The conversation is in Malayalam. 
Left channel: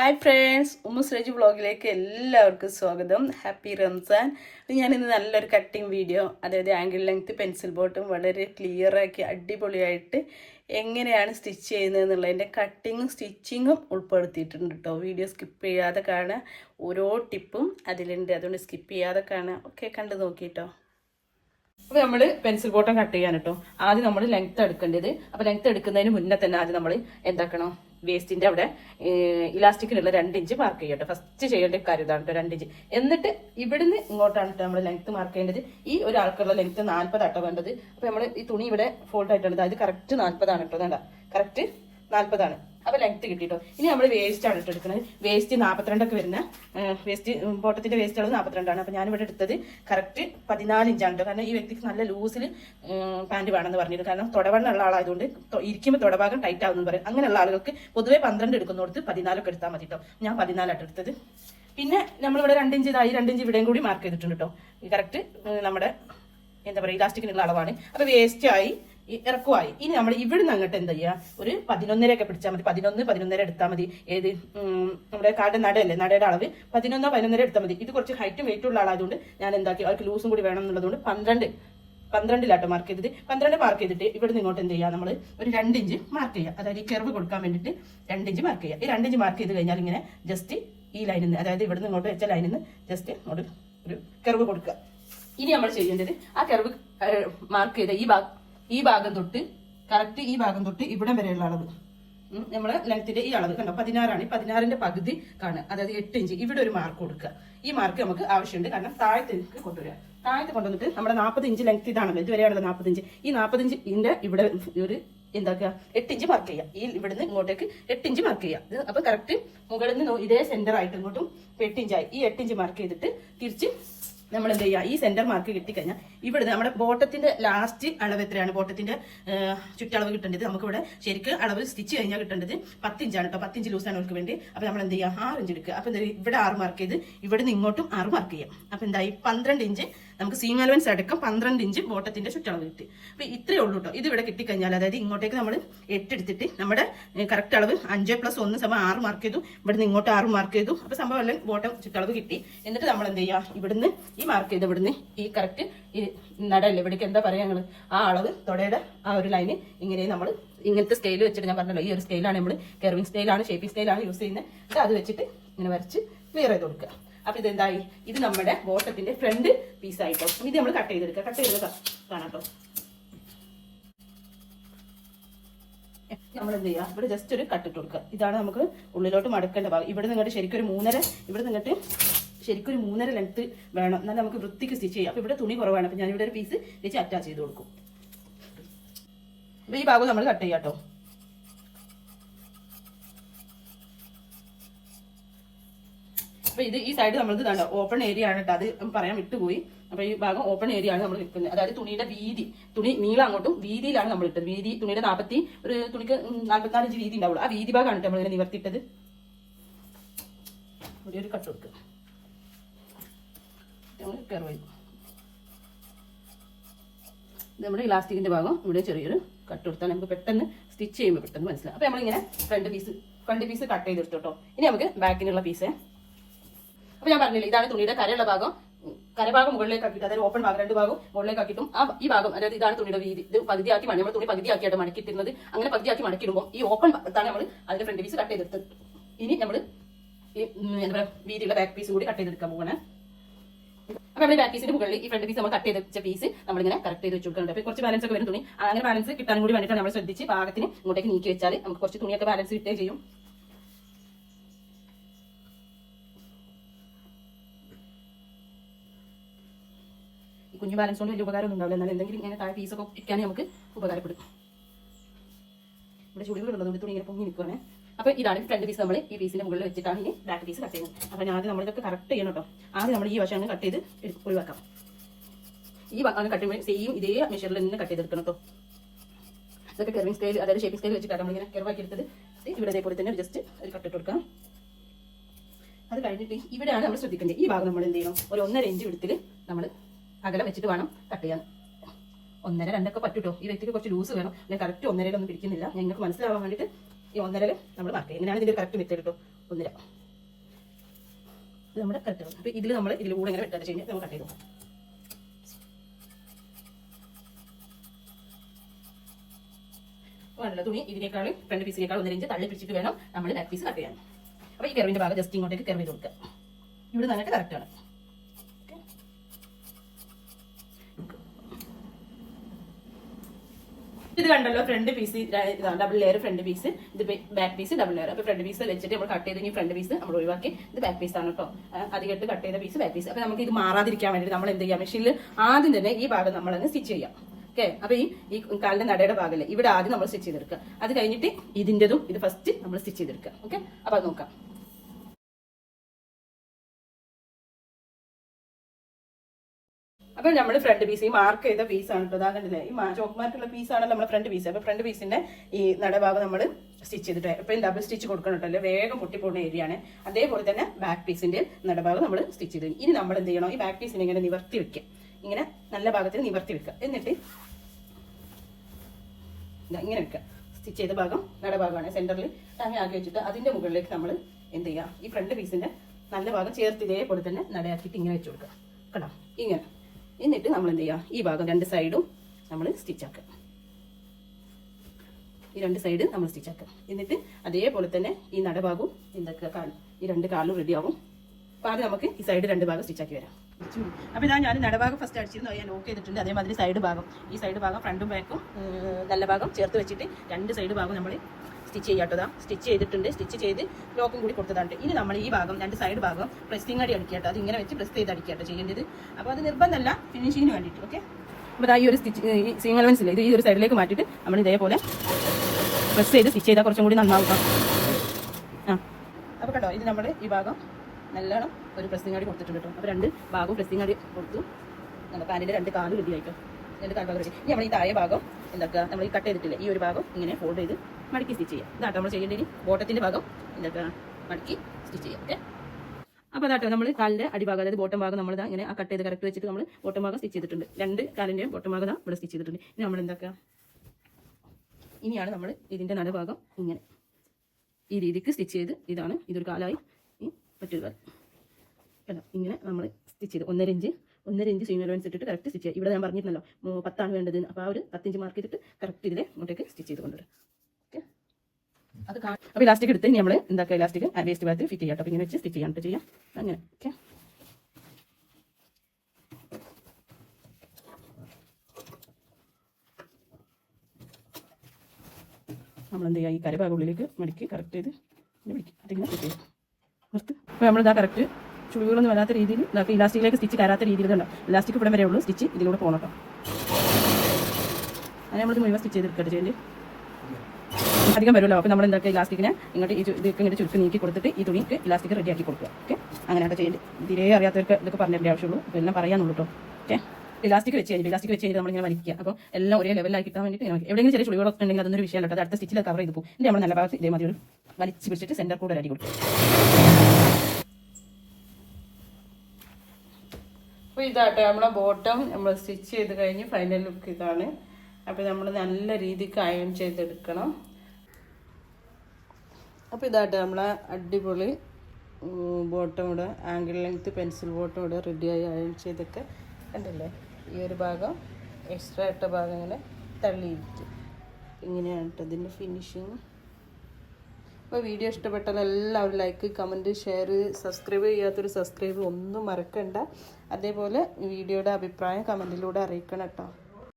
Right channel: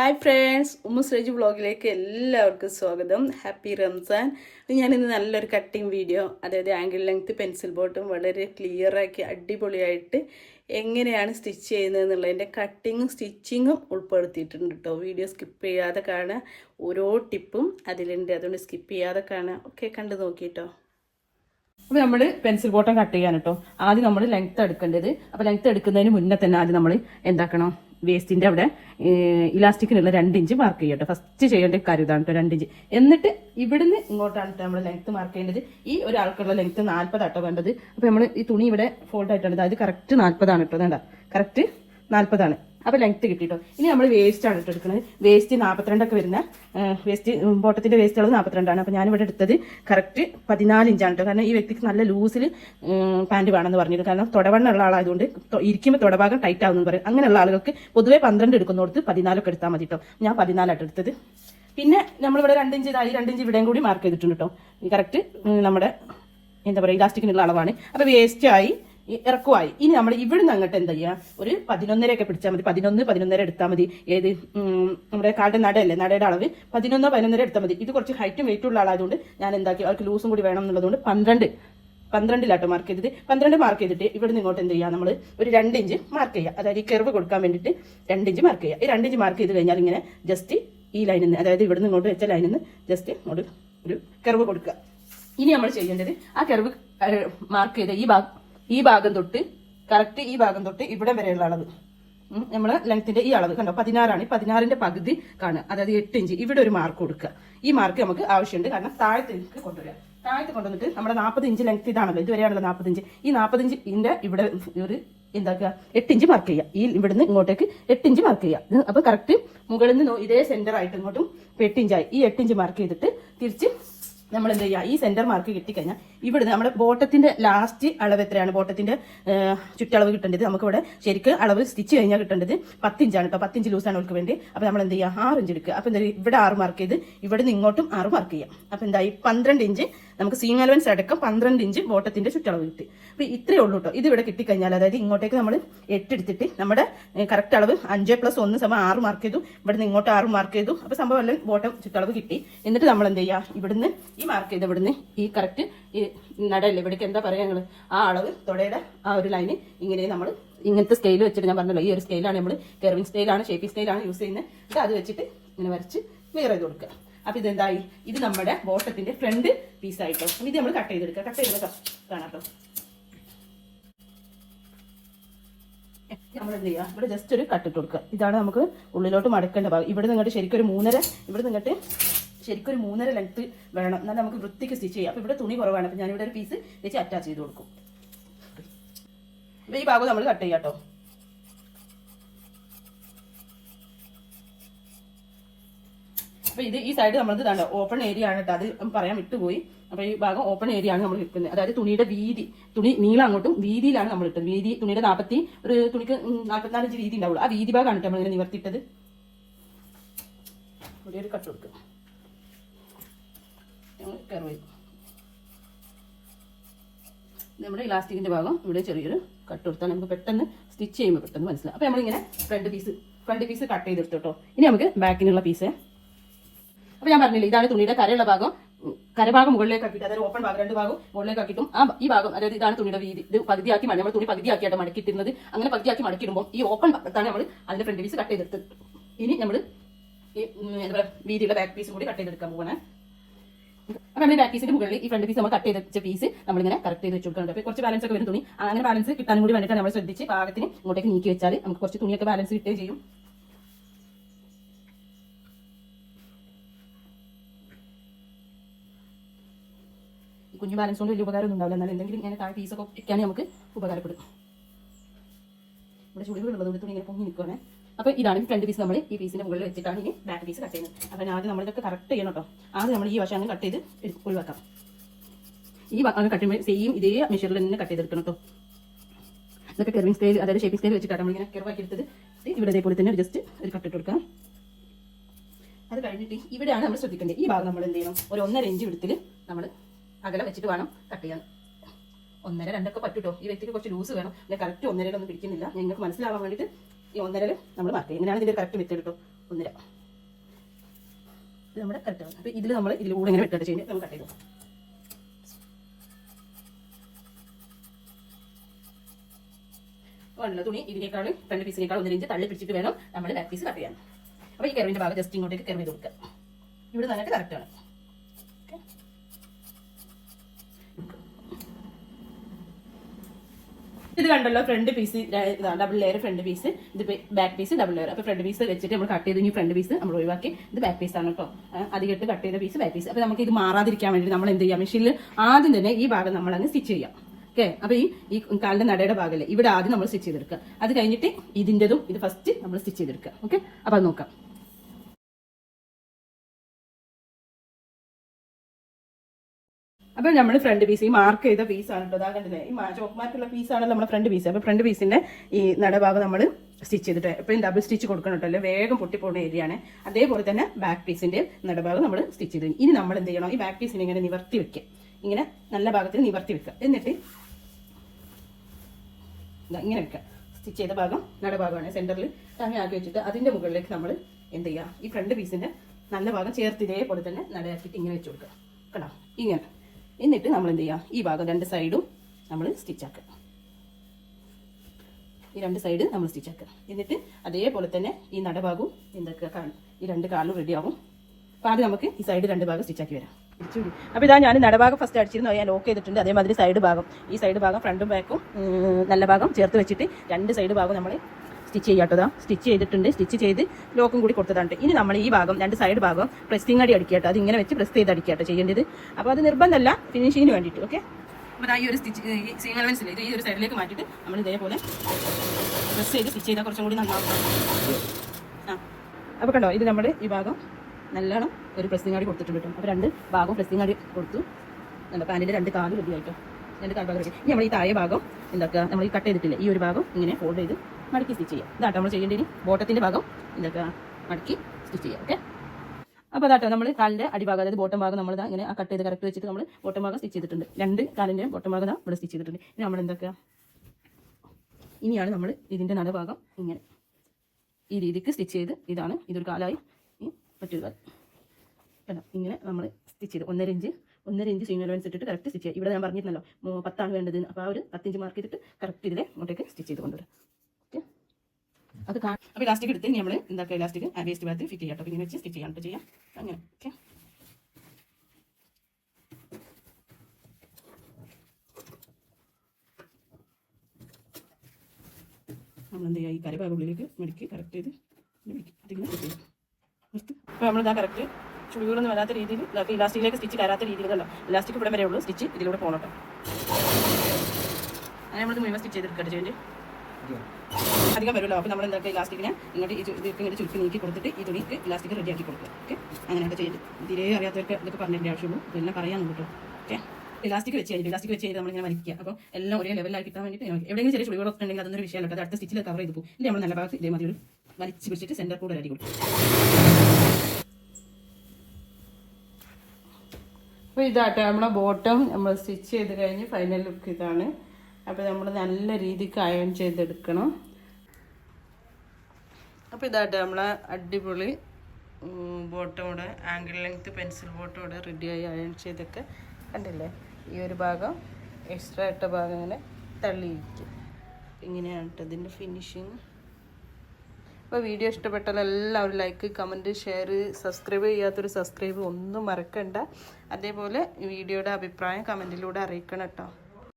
ഹായ് ഫ്രണ്ട്സ്, ഉമ്മുസ്രേജ് വ്ളോഗിലേക്ക് എല്ലാവർക്കും സ്വാഗതം. ഹാപ്പി റംസാൻ. ഞാനിന്ന് നല്ലൊരു കട്ടിങ് വീഡിയോ, അതായത് ആംഗിൾ ലെങ്ത് പെൻസിൽ ബോട്ടും വളരെ ക്ലിയറാക്കി അടിപൊളിയായിട്ട് എങ്ങനെയാണ് സ്റ്റിച്ച് ചെയ്യുന്നത് എന്നുള്ളതിൻ്റെ കട്ടിങ്ങും സ്റ്റിച്ചിങ്ങും ഉൾപ്പെടുത്തിയിട്ടുണ്ട് കേട്ടോ. വീഡിയോ സ്കിപ്പ് ചെയ്യാതെ കാണുക, ഓരോ ടിപ്പും അതിലുണ്ട്, അതുകൊണ്ട് സ്കിപ്പ് ചെയ്യാതെ കാണുക. ഓക്കെ, കണ്ടു നോക്കിട്ടോ. അപ്പോൾ നമ്മൾ പെൻസിൽ ബോട്ടം കട്ട് ചെയ്യാൻ കേട്ടോ. ആദ്യം നമ്മൾ ലെങ്ത് എടുക്കേണ്ടത്. അപ്പോൾ ലെങ്ത് എടുക്കുന്നതിന് മുന്നേ തന്നെ ആദ്യം നമ്മൾ എന്താക്കണം, വേസ്റ്റിന്റെ അവിടെ ഇലാസ്റ്റിക്കിനുള്ള 2 ഇഞ്ച് മാർക്ക് ചെയ്യട്ടോ. ഫസ്റ്റ് ചെയ്യേണ്ട കാര്യം ഇതാണ് കേട്ടോ, 2 ഇഞ്ച്. എന്നിട്ട് ഇവിടുന്ന് ഇങ്ങോട്ടാണ് നമ്മൾ ലെങ്ത് മാർക്ക് ചെയ്യേണ്ടത്. ഈ ഒരാൾക്കുള്ള ലെങ്ത് 40 ആട്ടോ വേണ്ടത്. അപ്പൊ നമ്മൾ ഈ തുണി ഇവിടെ ഫോൾഡ് ആയിട്ടാണ്, അതായത് കറക്റ്റ് 40 ആണ് കേട്ടോ. വേണ്ട, കറക്റ്റ് 40 ആണ്. അപ്പൊ ലെങ്ത് കിട്ടിട്ടോ. ഇനി നമ്മൾ വേസ്റ്റ് ആണ് ഇട്ട് എടുക്കുന്നത്. വേസ്റ്റ് 42 ഒക്കെ വരുന്ന വേസ്റ്റ്, ബോട്ടത്തിന്റെ വേസ്റ്റ് അളവ് 42 ആണ്. അപ്പൊ ഞാനിവിടെ എടുത്തത് കറക്റ്റ് 14 ഇഞ്ചാണ് കേട്ടോ. കാരണം ഈ വ്യക്തിക്ക് നല്ല ലൂസിൽ പാന്റ് വേണമെന്ന് പറഞ്ഞിട്ട്, കാരണം തുടവണ്ണുള്ള ആളായതുകൊണ്ട് ഇരിക്കുമ്പോൾ തുടഭാഗം ടൈറ്റ് ആവുമെന്ന് പറയും. അങ്ങനെയുള്ള ആളുകൾക്ക് പൊതുവെ 12 എടുക്കുന്നോടത്ത് 14 ഒക്കെ എടുത്താൽ മതി കേട്ടോ. ഞാൻ 14 ആയിട്ട് എടുത്തത്. പിന്നെ നമ്മളിവിടെ 2 ഇഞ്ച് ഇതായി, 2 ഇഞ്ച് ഇവിടെയും കൂടി മാർക്ക് ചെയ്തിട്ടുണ്ട് കേട്ടോ. ഈ കറക്റ്റ് നമ്മുടെ എന്താ പറയുക, ഇലാസ്റ്റിക്കിനുള്ള അളവാണ്. അപ്പൊ വേസ്റ്റ് ആയി, ഇറക്കുമായി. ഇനി നമ്മൾ ഇവിടുന്ന് അങ്ങോട്ട് എന്താ ചെയ്യുക, ഒരു 11 ഒക്കെ പിടിച്ചാൽ മതി. 11 എടുത്താൽ മതി. ഏത് നമ്മുടെ കാടിന്റെ നടയല്ലേ, നടയുടെ അളവ് 11 എടുത്താൽ മതി. ഇത് കുറച്ച് ഹൈറ്റും വെയിറ്റും ഉള്ള ആളായതുകൊണ്ട് ഞാൻ എന്താക്കി, അവർക്ക് ലൂസും കൂടി വേണം എന്നുള്ളതുകൊണ്ട് 12 മാർക്ക് ചെയ്തത്. 12 മാർക്ക് ചെയ്തിട്ട് ഇവിടെ നിന്ന് ഇങ്ങോട്ട് എന്ത് ചെയ്യുക, നമ്മൾ ഒരു 2 ഇഞ്ച് മാർക്ക് ചെയ്യുക. അതായത് ഈ കർവ് കൊടുക്കാൻ വേണ്ടിയിട്ട് 2 ഇഞ്ച് മാർക്ക് ചെയ്യുക. ഈ 2 ഇഞ്ച് മാർക്ക് ചെയ്ത് കഴിഞ്ഞാൽ ഇങ്ങനെ ജസ്റ്റ് ഈ ലൈനിൽ നിന്ന്, അതായത് ഇവിടെ നിന്ന് ഇങ്ങോട്ട് വെച്ച ലൈനിൽ നിന്ന് ജസ്റ്റ് ഇങ്ങോട്ട് ഒരു കർവ് കൊടുക്കുക. ഇനി നമ്മൾ ചെയ്യേണ്ടത് ആ കർവ് മാർക്ക് ചെയ്ത ഈ ഭാഗം തൊട്ട് കറക്റ്റ് ഈ ഭാഗം തൊട്ട് ഇവിടെ വരെയുള്ള അളവ്, നമ്മളെ ലെങ്ത്തിന്റെ ഈ അളവ് കണ്ടോ, 16 ആണ്. 16ന്റെ പകുതി കാണുക, അതായത് 8 ഇഞ്ച്. ഇവിടെ ഒരു മാർക്ക് കൊടുക്കുക. ഈ മാർക്ക് നമുക്ക് ആവശ്യമുണ്ട്, കാരണം താഴത്തേക്ക് കൊണ്ടുവരിക. താഴത്ത് കൊണ്ടുവന്നിട്ട് നമ്മുടെ 40 ഇഞ്ച് ലെങ്ത് ഇതാണല്ലോ, ഇതുവരെയാണല്ലോ 40 ഇഞ്ച്. ഈ 40 ഇഞ്ചിന്റെ ഇവിടെ ഒരു എന്താക്കുക, 8 ഇഞ്ച് മാർക്ക് ചെയ്യുക. ഈ ഇവിടുന്ന് ഇങ്ങോട്ടേക്ക് 8 ഇഞ്ച് മാർക്ക് ചെയ്യുക. അപ്പൊ കറക്റ്റ് മുകളിൽ നിന്ന് ഇതേ സെന്റർ ആയിട്ട് ഇങ്ങോട്ടും 8 ഇഞ്ചായി. ഈ 8 ഇഞ്ച് മാർക്ക് ചെയ്തിട്ട് തിരിച്ച് നമ്മൾ എന്ത് ചെയ്യുക, ഈ സെന്റർ മാർക്ക് കിട്ടിക്കഴിഞ്ഞാൽ ഇവിടുന്ന് നമ്മുടെ ബോട്ടത്തിന്റെ ലാസ്റ്റ് അളവ് എത്രയാണ്, ബോട്ടത്തിന്റെ ചുറ്റളവ് കിട്ടേണ്ടത് നമുക്കിവിടെ ശരിക്കും അളവ് സ്റ്റിച്ച് കഴിഞ്ഞാൽ കിട്ടേണ്ടത് 10 ഇഞ്ചാണ് കേട്ടോ. 10 ഇഞ്ച് ലൂസാണ് അവർക്ക് വേണ്ടി. അപ്പൊ നമ്മൾ എന്ത് ചെയ്യുക, 6 ഇഞ്ച് എടുക്കുക. അപ്പൊ എന്താ, ഇവിടെ 6 മാർക്ക് ചെയ്ത് ഇവിടെ നിന്ന് ഇങ്ങോട്ടും 6 മാർക്ക് ചെയ്യാം. അപ്പൊ എന്തായി, 12 ഇഞ്ച് നമുക്ക് സീം അലവൻസ് അടക്കം 12 ഇഞ്ച് ബോട്ടത്തിന്റെ ചുറ്റളവ് കിട്ടി. അപ്പൊ ഇത്രയേ ഉള്ളൂ കേട്ടോ. ഇത് ഇവിടെ കിട്ടിക്കഴിഞ്ഞാൽ, അതായത് ഇങ്ങോട്ടേക്ക് നമ്മൾ 8 എടുത്തിട്ട് നമ്മുടെ കറക്റ്റ് അളവ് 5 + 1 = 6 മാർക്ക് ചെയ്തു. ഇവിടെ നിന്ന് ഇങ്ങോട്ട് 6 മാർക്ക് ചെയ്തു. അപ്പൊ സംഭവം എല്ലാം ബോട്ടം ചുറ്റളവ് കിട്ടി. എന്നിട്ട് നമ്മൾ എന്ത് ചെയ്യുക, ഇവിടുന്ന് ഈ മാർക്ക് ചെയ്ത് ഇവിടുന്ന് ഈ കറക്റ്റ് ഈ നടല്ലേ, ഇവിടേക്ക് എന്താ പറയുക ഞങ്ങൾ, ആ അളവ് തൊടയുടെ ആ ഒരു ലൈന് ഇങ്ങനെ നമ്മൾ ഇങ്ങനത്തെ സ്കെയിൽ വെച്ചിട്ട്, ഞാൻ പറഞ്ഞല്ലോ ഈ ഒരു സ്കെയിലാണ് നമ്മൾ കെർവിങ് സ്കെയിലാണ്, ഷേപ്പിംഗ് സ്കെയിലാണ് യൂസ് ചെയ്യുന്നത്. അത് വെച്ചിട്ട് ഇങ്ങനെ വരച്ച് ക്ലിയർ ചെയ്ത് കൊടുക്കുക. അപ്പൊ ഇതെന്തായി, ഇത് നമ്മുടെ ബോട്ടത്തിന്റെ ഫ്രണ്ട് പീസ് ആയിട്ടോ. ഇത് നമ്മൾ കട്ട് ചെയ്തെടുക്കുക. കട്ട് ചെയ്ത് കാണാട്ടോ. നമ്മൾ എന്ത് ചെയ്യുക, ഇവിടെ ജസ്റ്റ് ഒരു കട്ടിട്ട് കൊടുക്കുക. ഇതാണ് നമുക്ക് ഉള്ളിലോട്ട് മടക്കേണ്ട ഭാഗം. ഇവിടെ നിങ്ങോട്ട് ശരിക്കൊരു 3.5, ഇവിടെ നിങ്ങോട്ട് ശരിക്കൊരു 3.5 ലെങ്ത് വേണം, എന്നാൽ നമുക്ക് വൃത്തിക്ക് സ്റ്റിച്ച് ചെയ്യാം. അപ്പൊ ഇവിടെ തുണി കുറവാണ്. അപ്പൊ ഞാനിവിടെ ഒരു പീസ് വെച്ച് അറ്റാച്ച് ചെയ്ത് കൊടുക്കും. ഈ ഭാഗം നമ്മൾ കട്ട് ചെയ്യാം കേട്ടോ. അപ്പൊ ഇത് ഈ സൈഡ് നമ്മളത് ഇതാണ് ഓപ്പൺ ഏരിയ ആണ് കേട്ടോ. അത് പറയാൻ വിട്ടുപോയി. അപ്പൊ ഈ ഭാഗം ഓപ്പൺ ഏരിയ ആണ് നമ്മൾ ഇരിക്കുന്നത്. അതായത് തുണിയുടെ വീതി, തുണി നീളം അങ്ങോട്ടും വീതിയിലാണ് നമ്മൾ ഇട്ടത്. വീതി തുണിയുടെ തുണിക്ക് 44 ഇഞ്ച് വീതി ഉണ്ടാവുള്ളൂ. ആ വീതി ഭാഗമാണ് നമ്മൾ ഇങ്ങനെ നിവർത്തിയിട്ടത്. ഇവിടെ ഒരു കട്ട് കൊടുക്കുക. നമ്മുടെ ഇലാസ്റ്റിക്കിന്റെ ഭാഗം ഇവിടെ ചെറിയൊരു കട്ട് കൊടുത്താൽ നമുക്ക് പെട്ടെന്ന് സ്റ്റിച്ച് ചെയ്യുമ്പോൾ പെട്ടെന്ന് മനസ്സിലാവും. അപ്പൊ നമ്മളിങ്ങനെ ഫ്രണ്ട് പീസ് കട്ട് ചെയ്തെടുത്തു കേട്ടോ. ഇനി നമുക്ക് ബാക്കിനുള്ള പീസ്. അപ്പൊ ഞാൻ പറഞ്ഞില്ലേ, ഇതാണ് തുണിയുടെ കരയുള്ള ഭാഗം. കരഭാഗം മുകളിലേക്ക് ആക്കിയിട്ട്, അതായത് ഓപ്പൺ ഭാഗം 2 ഭാഗം മുകളിലേക്ക് ആക്കിയിട്ടും ഈ ഭാഗം, അതായത് ഇതാണ് തുണിയുടെ വീതി. ഇത് പകുതിയാക്കി നമ്മൾ തുണി പകുതിയാക്കിയാണ് മടക്കിയിട്ടിരുന്നത്. അങ്ങനെ പകുതിയാക്കി മടക്കിയിടുമ്പോൾ ഈ ഓപ്പൺ ഭാഗത്താണ് നമ്മൾ അതിന്റെ ഫ്രണ്ട് പീസ് കട്ട് ചെയ്തെടുത്തത്. ഇനി നമ്മൾ ഈ എന്താ പറയുക, വീതിയുള്ള ബാക്ക് പീസും കൂടി കട്ട് ചെയ്തെടുക്കാൻ പോകണേ. അപ്പൊ നമ്മൾ ബാക്ക് പീസിന്റെ മുകളിൽ ഈ ഫ്രണ്ട് പീസ് നമ്മൾ കട്ട് ചെയ്ത് വെച്ച പീസ് നമ്മളിങ്ങനെ കറക്റ്റ് ചെയ്ത് വെച്ച് കൊടുക്കുന്നുണ്ട്. അപ്പൊ കുറച്ച് ബാലൻസ് ഒക്കെ വരും തുണി. അങ്ങനെ ബാലൻസ് കിട്ടാൻ കൂടി വേണ്ടിയിട്ടാണ് നമ്മൾ ശ്രദ്ധിച്ച് പാകത്തിന് ഇങ്ങോട്ടേക്ക് നീക്കി വെച്ചാൽ നമുക്ക് കുറച്ച് തുണിയൊക്കെ ബാലൻസ് കിട്ടുകയും ചെയ്യും. കുഞ്ഞു ബാലൻസ് കൊണ്ട് വലിയ ഉപകാരമൊന്നും ഉണ്ടാവില്ല, എന്നാൽ എന്തെങ്കിലും ഇങ്ങനെ താഴെ പീസൊക്കെ ഒട്ടിക്കാനേ നമുക്ക് ഉപകാരപ്പെടും. ഇവിടെ ചുളിവുകളുള്ളത് തുണി ഇങ്ങനെ പൊങ്ങി നിൽക്കുകയാണ്. അപ്പൊ ഇതാണ് ഫ്രണ്ട് പീസ്. നമ്മൾ ഈ പീസിന്റെ മുകളിൽ വെച്ചിട്ടാണ് ഇനി ബാക്ക് പീസ് കട്ട് ചെയ്യുന്നത്. അപ്പൊ ആദ്യം നമ്മളിതൊക്കെ കറക്റ്റ് ചെയ്യണം കേട്ടോ. ആദ്യം നമ്മൾ ഈ വശം അങ്ങ് കട്ട് ചെയ്ത് ഒഴിവാക്കാം. ഈ അങ്ങ് കട്ട് ചെയ്യുമ്പോൾ സെയിം ഇതേ മെഷീനിൽ തന്നെ കട്ട് ചെയ്തെടുക്കണം കേട്ടോ. ഇതൊക്കെ കെർവിങ് സ്കെയിൽ, അതായത് ഷേപ്പിംഗ് സ്കെയിൽ വെച്ചിട്ടാണ് നമ്മളിങ്ങനെ കെർവാക്കി എടുത്തത്. ഇവിടെ ഇതേപോലെ തന്നെ ജസ്റ്റ് ഒരു കട്ടിട്ട് കൊടുക്കാം. അത് കഴിഞ്ഞിട്ട് ഇവിടെയാണ് നമ്മൾ ശ്രദ്ധിക്കേണ്ടത്. ഈ ഭാഗം നമ്മൾ എന്ത് ചെയ്യണം, ഒരു 1.5 ഇഞ്ച് വിടത്തിൽ നമ്മൾ അകലം വെച്ചിട്ട് വേണം കട്ട് ചെയ്യാൻ. 1.5, 2 ഒക്കെ പറ്റൂട്ടോ. ഈ വ്യക്തിക്ക് കുറച്ച് ലൂസ് വേണം. ഞാൻ കറക്റ്റ് 1.5 ഒന്നും പിടിക്കുന്നില്ല. ഞങ്ങൾക്ക് മനസ്സിലാവാൻ വേണ്ടിയിട്ട് ഈ 1.5 നമ്മൾ മാർക്ക് ചെയ്യും. ഇങ്ങനെയാണ് ഇതിന്റെ കറക്റ്റ് മെത്തേഡ് കേട്ടോ. 1.5. ഇത് നമ്മുടെ കറക്റ്റാണ്. അപ്പോൾ ഇതിൽ നമ്മൾ ഇതിലൂടെ ഇങ്ങനെ വെട്ടിട്ട് കഴിഞ്ഞാൽ നമ്മൾ കട്ട് ചെയ്ത് നോക്കാം. വേണ്ട തുണി ഇതിനേക്കാളും ഫ്രണ്ട് പീസിനേക്കാളും 1 ഇഞ്ച് തള്ളി പിടിച്ചിട്ട് വേണം നമ്മൾ ബാക്ക് പീസ് കട്ട് ചെയ്യാൻ. അപ്പോൾ ഈ കർവിൻ്റെ ഭാഗം ജസ്റ്റ് ഇങ്ങോട്ടേക്ക് കർവ് ചെയ്ത് കൊടുക്കുക. ഇവിടെ നന്നായിട്ട് കറക്റ്റാണ്. ഇത് കണ്ടല്ലോ front piece double layer front piece, ഇത് ബാക്ക് പീസ് ഡബിൾ ലെയർ. അപ്പോൾ ഫ്രണ്ട് പീസ് വെച്ചിട്ട് നമ്മൾ കട്ട് ചെയ്ത് ഫ്രണ്ട് പീസ് നമ്മൾ ഒഴിവാക്കി ഇത് ബാക്ക് പീസ് ആണ് കേട്ടോ. അധികമായിട്ട് കട്ട് ചെയ്ത പീസ് ബാക്ക് പീസ്. അപ്പോൾ നമുക്ക് ഇത് മാറാതിരിക്കാൻ വേണ്ടി നമ്മൾ എന്ത് ചെയ്യാം, മെഷീനിൽ ആദ്യം തന്നെ ഈ ഭാഗം നമ്മളങ്ങ് സ്റ്റിച്ച് ചെയ്യാം. ഓക്കെ, അപ്പോൾ ഈ കാലിന്റെ നടയുടെ ഭാഗമല്ലേ ഇവിടെ ആദ്യം നമ്മൾ സ്റ്റിച്ച് ചെയ്തെടുക്കുക. അത് കഴിഞ്ഞിട്ട് ഇതിൻ്റെതും ഇത് ഫസ്റ്റ് നമ്മൾ സ്റ്റിച്ച് ചെയ്തെടുക്കുക. ഓക്കെ, അപ്പോൾ അത് നോക്കാം. അപ്പോൾ നമ്മൾ ഫ്രണ്ട് പീസ് ഈ മാർക്ക് ചെയ്ത പീസാണ് കേട്ടോ. അതാ കണ്ടില്ലേ, ഈ ചോക്ക് മാർക്കുള്ള പീസാണല്ലോ നമ്മുടെ ഫ്രണ്ട് പീസ്. അപ്പോൾ ഫ്രണ്ട് പീസിന്റെ ഈ നടഭാഗം നമ്മൾ സ്റ്റിച്ച് ചെയ്തിട്ട് എപ്പോഴും ഡബിൾ സ്റ്റിച്ച് കൊടുക്കണം കേട്ടോ, അല്ലേ വേഗം പൊട്ടിപ്പോകുന്ന ഏരിയയാണ്. അതേപോലെ തന്നെ ബാക്ക് പീസിന്റെ നടഭാഗം നമ്മൾ സ്റ്റിച്ച് ചെയ്ത് ഇനി നമ്മൾ എന്ത് ചെയ്യണം, ഈ ബാക്ക് പീസിനെ ഇങ്ങനെ നിവർത്തി വെക്കുക. ഇങ്ങനെ നല്ല ഭാഗത്തിൽ നിവർത്തി വെക്കുക. എന്നിട്ട് ഇങ്ങനെ വെക്കുക. സ്റ്റിച്ച് ചെയ്ത ഭാഗം നടഭാഗമാണ് സെന്ററിൽ അങ്ങനെ ആക്കി വെച്ചിട്ട് അതിന്റെ മുകളിലേക്ക് നമ്മൾ എന്ത് ചെയ്യുക, ഈ ഫ്രണ്ട് പീസിന്റെ നല്ല ഭാഗം ചേർത്ത് ഇതേപോലെ തന്നെ നടയാക്കിയിട്ട് ഇങ്ങനെ വെച്ച് കൊടുക്കുക. കണ്ടോ, ഇങ്ങനെ. എന്നിട്ട് നമ്മൾ എന്ത് ചെയ്യുക, ഈ ഭാഗം രണ്ട് സൈഡും നമ്മൾ സ്റ്റിച്ചാക്കുക. ഈ രണ്ട് സൈഡ് നമ്മൾ സ്റ്റിച്ചാക്കുക. എന്നിട്ട് അതേപോലെ തന്നെ ഈ നടഭാഗവും എന്തൊക്കെ ഈ രണ്ട് കാലും റെഡിയാവും. അപ്പോൾ ആദ്യം നമുക്ക് ഈ സൈഡ് രണ്ട് ഭാഗം സ്റ്റിച്ചാക്കി വരാം. അപ്പോൾ ഇതാ ഞാൻ നടഭാഗം ഫസ്റ്റ് അടിച്ചിരുന്നു, ഞാൻ ലോക്ക് ചെയ്തിട്ടുണ്ട്. അതേമാതിരി സൈഡ് ഭാഗം, ഈ സൈഡ് ഭാഗം ഫ്രണ്ടും ബാക്കും നല്ല ഭാഗം ചേർത്ത് വെച്ചിട്ട് രണ്ട് സൈഡ് ഭാഗം നമ്മൾ സ്റ്റിച്ച് ചെയ്യാട്ടതാ. സ്റ്റിച്ച് ചെയ്തിട്ടുണ്ട്, സ്റ്റിച്ച് ചെയ്ത് ലോക്കും കൂടി കൊടുത്തതാണ്. ഇനി നമ്മൾ ഈ ഭാഗം രണ്ട് സൈഡ് ഭാഗം പ്രസ്സിങ് അടി അടിക്കട്ടെ, അത് ഇങ്ങനെ വെച്ച് പ്രസ് ചെയ്ത് അടിക്കട്ടെ ചെയ്യേണ്ടത്. അപ്പോൾ അത് നിർബന്ധമല്ല, ഫിനിഷിങ്ങിന് വേണ്ടിയിട്ട്. ഓക്കെ, അപ്പോൾ ഈ ഒരു സ്റ്റിച്ച് ഈ സീം അലവൻസിൽ ഈ ഒരു സൈഡിലേക്ക് മാറ്റിയിട്ട് നമ്മൾ ഇതേപോലെ പ്രസ് ചെയ്ത് സ്റ്റിച്ച് ചെയ്താൽ കുറച്ചും കൂടി നന്നാവും. അപ്പോൾ കണ്ടോ, ഇത് നമ്മൾ ഈ ഭാഗം നല്ലോണം ഒരു പ്രസ്സിങ് അടി കൊടുത്തിട്ടുണ്ട് കേട്ടോ. അപ്പോൾ രണ്ട് ഭാഗവും പ്രസ്സിങ് അടി കൊടുത്തു. നമ്മുടെ പാൻറ്റിൻ്റെ രണ്ട് കാലും റെഡി ആയിട്ടോ, രണ്ട് കാലും റെഡി. ഇനി നമ്മൾ ഈ താഴെ ഭാഗം എന്താക്കുക, നമ്മൾ ഈ കട്ട് ചെയ്തിട്ടില്ല ഈ ഒരു ഭാഗം ഇങ്ങനെ ഫോൾഡ് ചെയ്ത് മടക്കി സ്റ്റിച്ച് ചെയ്യാം. ഇതാട്ടോ നമ്മൾ ചെയ്യേണ്ടത്. ബോട്ടത്തിൻ്റെ ഭാഗം എന്താക്കുക മടക്കി സ്റ്റിച്ച് ചെയ്യാം. ഓക്കെ, അപ്പോൾ അതാട്ടോ നമ്മൾ കാലിൻ്റെ അടിഭാഗം, അതായത് ബോട്ടം ഭാഗം നമ്മൾ ഇങ്ങനെ ആ കട്ട് ചെയ്ത് കറക്റ്റ് വെച്ചിട്ട് നമ്മൾ ബോട്ടം ഭാഗം സ്റ്റിച്ച് ചെയ്തിട്ടുണ്ട്. രണ്ട് കാലിൻ്റെയും ബോട്ടം ഭാഗം ഇവിടെ സ്റ്റിച്ച് ചെയ്തിട്ടുണ്ട്. ഇനി നമ്മൾ എന്താക്കുക, ഇനിയാണ് നമ്മൾ ഇതിൻ്റെ നടഭാഗം ഇങ്ങനെ ഈ രീതിക്ക് സ്റ്റിച്ച് ചെയ്ത്, ഇതാണ് ഇതൊരു കാലായി, മറ്റൊരു കാലം കണ്ടോ, ഇങ്ങനെ നമ്മൾ സ്റ്റിച്ച് ചെയ്ത് 1.5 ഇഞ്ച് സീം അലവൻസ് ഇട്ടിട്ട് കറക്റ്റ് സ്റ്റിച്ച് ചെയ്യുക. ഇവിടെ ഞാൻ പറഞ്ഞിരുന്നല്ലോ 10 വേണ്ടത്. അപ്പോൾ ആ ഒരു 10 ഇഞ്ച് മാർക്ക് ചെയ്തിട്ട് കറക്റ്റ് ഇതിലെ അങ്ങോട്ടേക്ക് സ്റ്റിച്ച് ചെയ്ത് കൊണ്ടുവരും. ഓക്കെ, അത് അപ്പോൾ ഇലാസ്റ്റിക് എടുത്ത് നമ്മൾ എന്താക്കുക, ഇലാസ്റ്റിക് വേസ്റ്റ് ഭാഗത്ത് ഫിറ്റ് ചെയ്യാം. അപ്പോൾ ഇങ്ങനെ വെച്ച് സ്റ്റിച്ച് ചെയ്യാൻ ചെയ്യാം അങ്ങനെ. ഓക്കെ, നമ്മളെന്ത് ചെയ്യുക, ഈ കരഭാഗം ഉള്ളിലേക്ക് മടക്കി കറക്റ്റ് ചെയ്ത് അതിങ്ങനെ ഫിറ്റ് ചെയ്യാം. നിർത്ത്. അപ്പോൾ നമ്മളിതാ കറക്റ്റ് ചുളികളൊന്നും വരാത്ത രീതിയിൽ ഇതാക്കി ഇലാസ്റ്റിക്കിലേക്ക് സ്റ്റിച്ച് കയറാത്ത രീതിയിൽ തന്നെ ഇലാസ്റ്റിക് ഇവിടെ വരെ ഉള്ളൂ, സ്റ്റിച്ച് ഇതിലൂടെ പോകണം. അങ്ങനെ നമ്മളിത് മുഴുവൻ സ്റ്റിച്ച് ചെയ്തെടുക്കട്ടെ ചെയ്യേണ്ടി അധികം വരുമല്ലോ. അപ്പോൾ നമ്മൾ എന്താക്കുക, ഇലാസ്റ്റിക്കിനെ ഇങ്ങോട്ട് ഇതൊക്കെ ഇങ്ങോട്ട് ചുരുക്കി നീക്കി കൊടുത്തിട്ട് ഈ തുണിക്ക് ഇലാസ്റ്റിക് റെഡിയാക്കി കൊടുക്കുക. ഓക്കെ, അങ്ങനെയാണ് ചെയ്യേണ്ടത്. തീരെ അറിയാത്തവർക്ക് ഇതൊക്കെ പറഞ്ഞതിൻ്റെ ആവശ്യമുള്ളൂ, ഇതെല്ലാം പറയാനുള്ളൂ കേട്ടോ. ഓക്കെ, ഇലാസ്റ്റിക് വെച്ച് കഴിഞ്ഞിട്ട് നമ്മളിങ്ങനെ വലിക്കുക. അപ്പോൾ എല്ലാം ഒരേ ലെവലായി കിട്ടാൻ വേണ്ടിയിട്ട് എവിടെയെങ്കിലും ചെറിയ ചുളികളൊക്കെ ഉണ്ടെങ്കിൽ അതൊന്നും ഒരു വിഷയമല്ല. അത് അടുത്ത സ്റ്റിച്ചിൽ കവർ ചെയ്ത് പോകും. ഇനി നമ്മൾ നല്ല ഭാഗത്ത് ഇതേമാതിരി ഒരു വലിച്ച് പിടിച്ചിട്ട് സെൻറ്റർ കൂടെ അടി കൊടുക്കും. അപ്പോൾ ഇതാട്ടെ നമ്മളെ ബോട്ടം നമ്മൾ സ്റ്റിച്ച് ചെയ്ത് കഴിഞ്ഞ് ഫൈനൽ ലുക്ക് ഇതാണ്. അപ്പോൾ നമ്മൾ നല്ല രീതിക്ക് അയൺ ചെയ്തെടുക്കണം. അപ്പോൾ ഇതാട്ടെ നമ്മളെ അടിപൊളി ബോട്ടം ഇവിടെ ആംഗിൾ ലെങ്ത്ത് പെൻസിൽ ബോട്ടം ഇവിടെ റെഡിയായി അയൺ ചെയ്തൊക്കെ കണ്ടില്ലേ. ഈ ഒരു ഭാഗം എക്സ്ട്രാ ഇട്ട ഭാഗം ഇങ്ങനെ തള്ളിയിരിക്കും. ഇങ്ങനെയാണ് കേട്ടോ ഇതിൻ്റെ ഫിനിഷിങ്. അപ്പോൾ വീഡിയോ ഇഷ്ടപ്പെട്ടാൽ എല്ലാവരും ലൈക്ക്, കമൻറ്റ്, ഷെയർ, സബ്സ്ക്രൈബ് ചെയ്യാത്തൊരു സബ്സ്ക്രൈബ് ഒന്നും മറക്കണ്ട. അതേപോലെ വീഡിയോയുടെ അഭിപ്രായം കമൻറ്റിലൂടെ അറിയിക്കണം കേട്ടോ.